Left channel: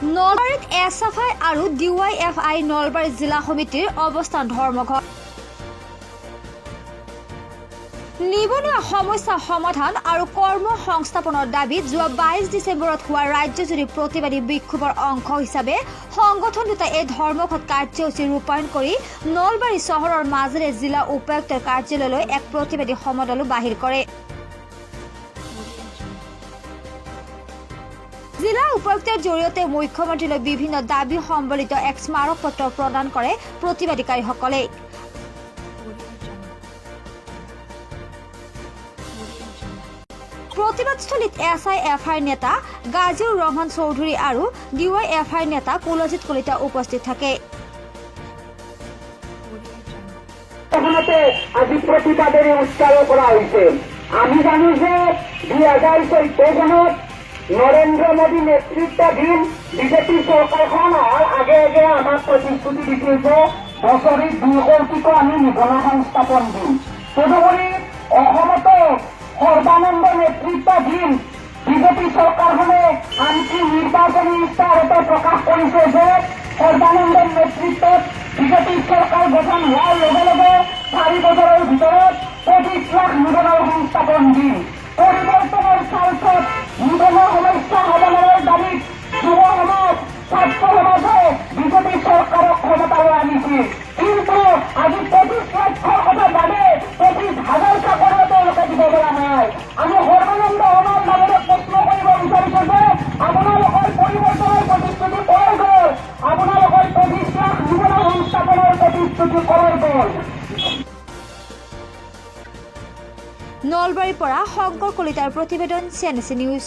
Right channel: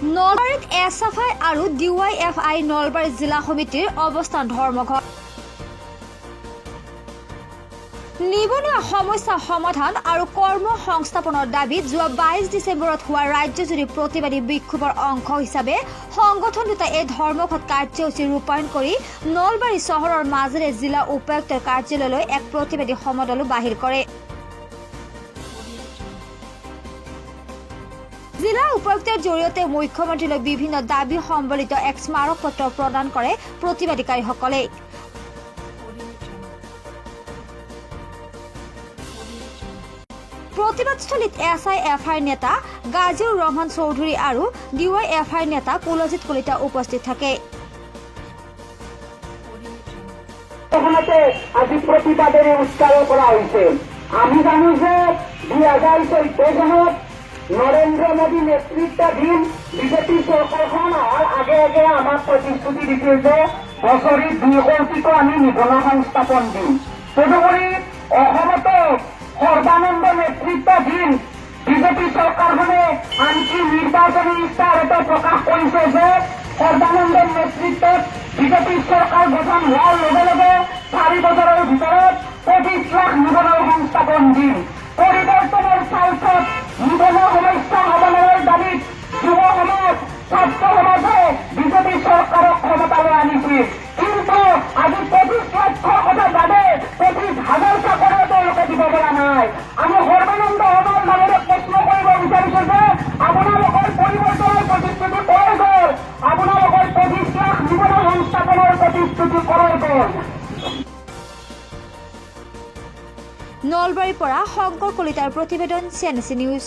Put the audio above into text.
নলবাৰীত এছএফআই আৰু ডিৱাইএফআই নলবাৰী জিলা সমিতিৰ অৱস্থান ধৰ্মঘট। নিবনুৱা সমস্যা সমাধান আৰু কৰ্ম সংস্থাপনৰ দাবীত যোৱা 22 ডিচেম্বৰত হোৱা ৰাজ্যজুৰি প্ৰতিবাদী বিক্ষোভৰ অংশ হিচাপে সংগঠন দুটাই এই ধৰ্মঘট কাৰ্যসূচী ৰূপায়ণ কৰি নলবাৰী চহৰৰ মাজেৰে জিলা উপায়ুক্তৰ কাৰ্যালয়লৈ এক প্ৰতিবাদী সমদলো বাহিৰ কৰে। জিলা উপায়ুক্তৰ জৰিয়তে মুখ্যমন্ত্ৰীলৈ বিভিন্ন দাবী সম্বলিত এক স্মাৰক পত্ৰ প্ৰদান কৰে প্ৰতিবাদীকাৰীসকলে। প্ৰতিবাদস্থলীত এছআইএফআইৰ নেতা গাজীউৰ ৰহমান চৌধুৰী আৰু ডিৱাইএফআইৰ নেতা কুলজিৎ কলিতা উপস্থিত থাকে। আজি প্ৰতিবাদেৰ উচ্চাৰ কৰা হৈছে। আমি জানো যে 2014 চনত নৰেন্দ্ৰ মোদী নেতৃত্বাধীন বিজেপি চৰকাৰখন আগে আগে আমাক প্ৰতিশ্ৰুতি দিছিল যে বছৰি 2 কোটিকৈ আমি নিবনুৱা সংস্থাপন দিম। তদুপৰি অসমতো সৰ্বানন্দ নেতৃত্বাধীন বিজেপি চৰকাৰখনে আনকি নিৰ্বাচনী ইস্তাহাৰতো প্ৰকাশ কৰিছে যে সৰ্বানন্দৰ নেতৃত্বত বিজেপি চৰকাৰ গঠন হোৱাৰ লগে লগে 4 বছৰৰ ভিতৰত 25 লাখ নিবনুৱা সংস্থাপন দিম। পৰিৱৰ্তনৰ স্বাৰ্থত নিবনুৱা সমস্যা সমাধানৰ দাবীত যুৱ সমাজ ছাত্ৰ সমাজে বিজেপি চৰকাৰক ক্ষমতালৈ আনিছিল। কিন্তু আজি 25 লাখৰ কথা বাদে 25,000 চাকৰিও তেওঁলোকে দিব পৰা নাই। আমি সৰ্বানন্দ সমাজৰ মাজতে প্ৰশ্ন কৰিব বিচাৰিছো যে আপোনালোকৰ পৰিৱৰ্তনৰ প্ৰতিশ্ৰুতি কলৈ গ'ল? আপোনালোকৰ 25 লাখ নিবনুৱা সংস্থাপনৰ প্ৰতিশ্ৰুতি কলৈ গ'ল? নলবাৰীৰ পৰা শংকৰ কলিতাৰ প্ৰতিবেদন CNC নিউজ।